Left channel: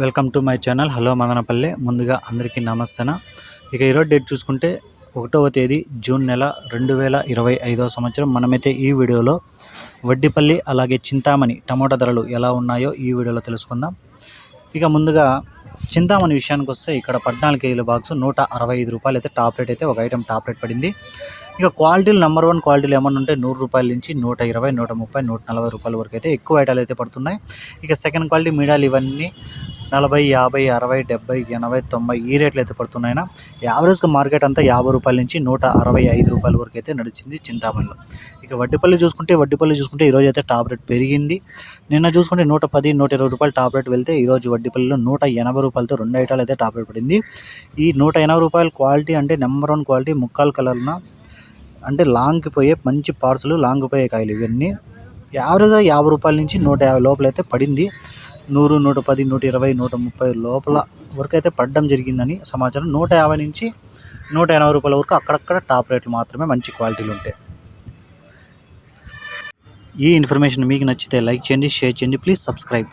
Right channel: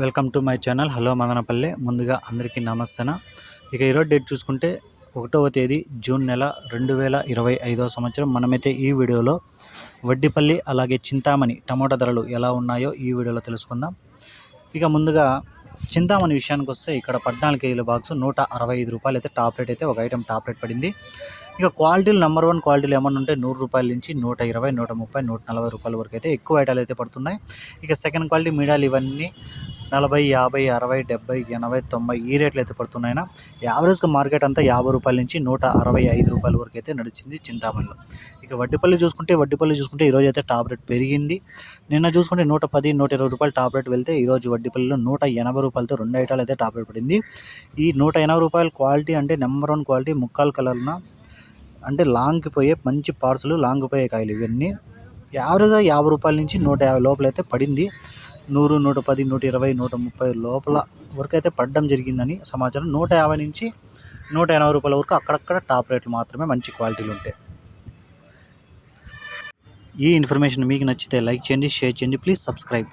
Welcome to my channel. Hello Madanapalle. ముందుగా అందరికీ నమస్తన. ఇక ఈరోజు డేట్ చూసుకుంటే ఒకటవ తేదీ జూన్ నెల రెండు వేల ఇరవై ఐదవ సంవత్సరం. మనమైతే ఈ వీడియోలో వడ్డిపల్లి అలాగే చింతామణి టమాటా ధరలు ఎలా ఉన్నాయో ఈ వీడియోలో తెలుసుకుందాం. ఇక ముందుగా చింతామణి విషయానికి వస్తే ఇక్కడ పద్నాలుగు కేజీల బాక్స్ నూట అరవై ఐదు రూపాయలు అయితే టాప్ రేట్ అయితే ఒక ఐటెం టాప్ రేట్ పడింది. ఇక క్వాలిటీలు నెంబర్ వన్ క్వాలిటీలు ఏమన్నా ఉంటే నూరు రూపాయల నుంచి నూట ఇరవై నూట ముప్పై నూట నలభై రూపాయల వరకు అయితే ఎక్కువ ఐటాలు అయితే పడుతున్నాయి. ఇక సెకండ్ క్వాలిటీ మీడియాలు ఇవన్నీ నలభై యాభై అరవై డెబ్బై ఎనభై తొంభై ఈ రేట్లు అయితే పడుతున్నాయినా యావరేజ్గా మార్కెట్ అంతా యాభై రూపాయల నుంచి నూట అరవై ఐదు రూపాయల వరకు అయితే నడిచింది చింతామణిలో. ఇక వడ్డీపల్లి చూసుకుంటే వడ్డీపల్లి చూసుకుంటే ఈరోజు అయితే టాప్ రేట్ పెరిగింది. నిన్న చూసుకుంటే నూట పది నూట ఇరవై రూపాయలు టాప్ రేట్ వెళ్తే ఈరోజు వడ్డీపల్లిలో నూట ఎనభై రూపాయలతో రెండు ఐటాలు అయితే టాప్ రేట్ పడింది. ఈ నూట ఎనభై రూపాయల క్వాలిటీ అంటే నెంబర్ వన్ క్వాలిటీ ముక్కాలు కలర్న అంటే లాంగ్కి పోయే మంచి పార్సల్ లాంగ్ పోయే కాయలు ఇవన్నీ. యావరేజ్గా యాభై రూపాయల నుంచి నూట యాభై లోపల అయితే పడింది. నూరు నూట పది నూట ఇరవై నూట ముప్పై లోపల వరకు అయితే పడడం జరిగిందని సమాచారం. నూట యాభై నుంచి నూట ఎనభై రూపాయల వరకు అక్కడక్కడ టాప్ రేట్లు మాత్రమే మంచి క్వాలిటీలు ఉంటాయి ఈ ఇన్ఫర్మేషన్ మీకు నచ్చితే లైక్ చేయండి షేర్ చేయండి ప్లీజ్ సబ్స్క్రైబ్.